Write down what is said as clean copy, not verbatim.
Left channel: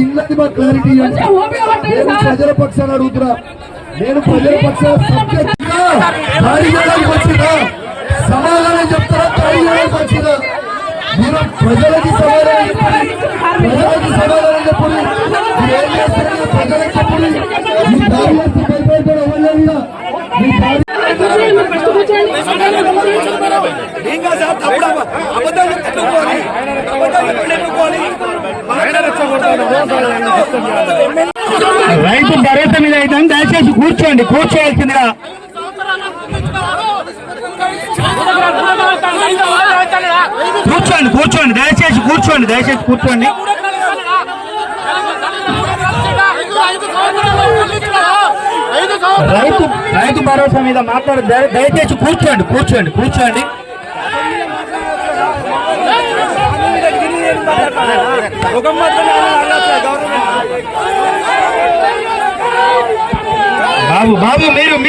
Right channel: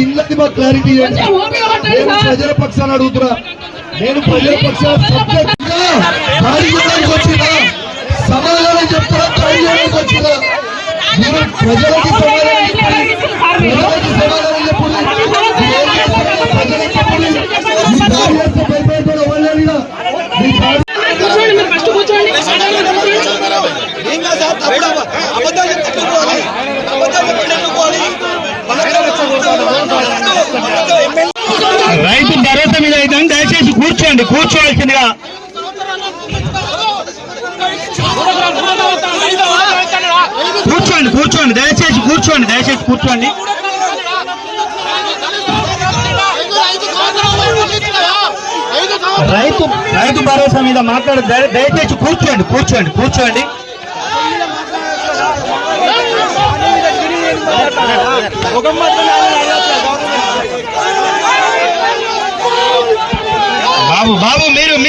ఇళ్ళది మాకు క్లారిటీ ఇవ్వండి. నేను ప్రజల పక్షాన్ని అడుగుతున్నా. నేను ప్రజల పక్షాన్ని సబ్జెక్ట్ గా దాడి చేయడానికి వచ్చినా సమాధానం చెప్తారా? దాడి చేయడానికి వచ్చినా మీరు ప్రజలకి సమాధానం చెప్పండి. ప్రజలకి సమాధానం చెప్పండి. ఏం చేస్తారో ప్రజలకు చెప్పండి. ఈ దాడి చేస్తే భయపడతారు వాళ్ళ రైతు భరోసా మీద అయితే దయచేసి కూర్చోవలసిందిగా. కూర్చోండి దయచేసి కూర్చోండి. రైతు భరోసా మీద మాట్లాడే దయచేసి కూర్చోండి. బాబు మీరు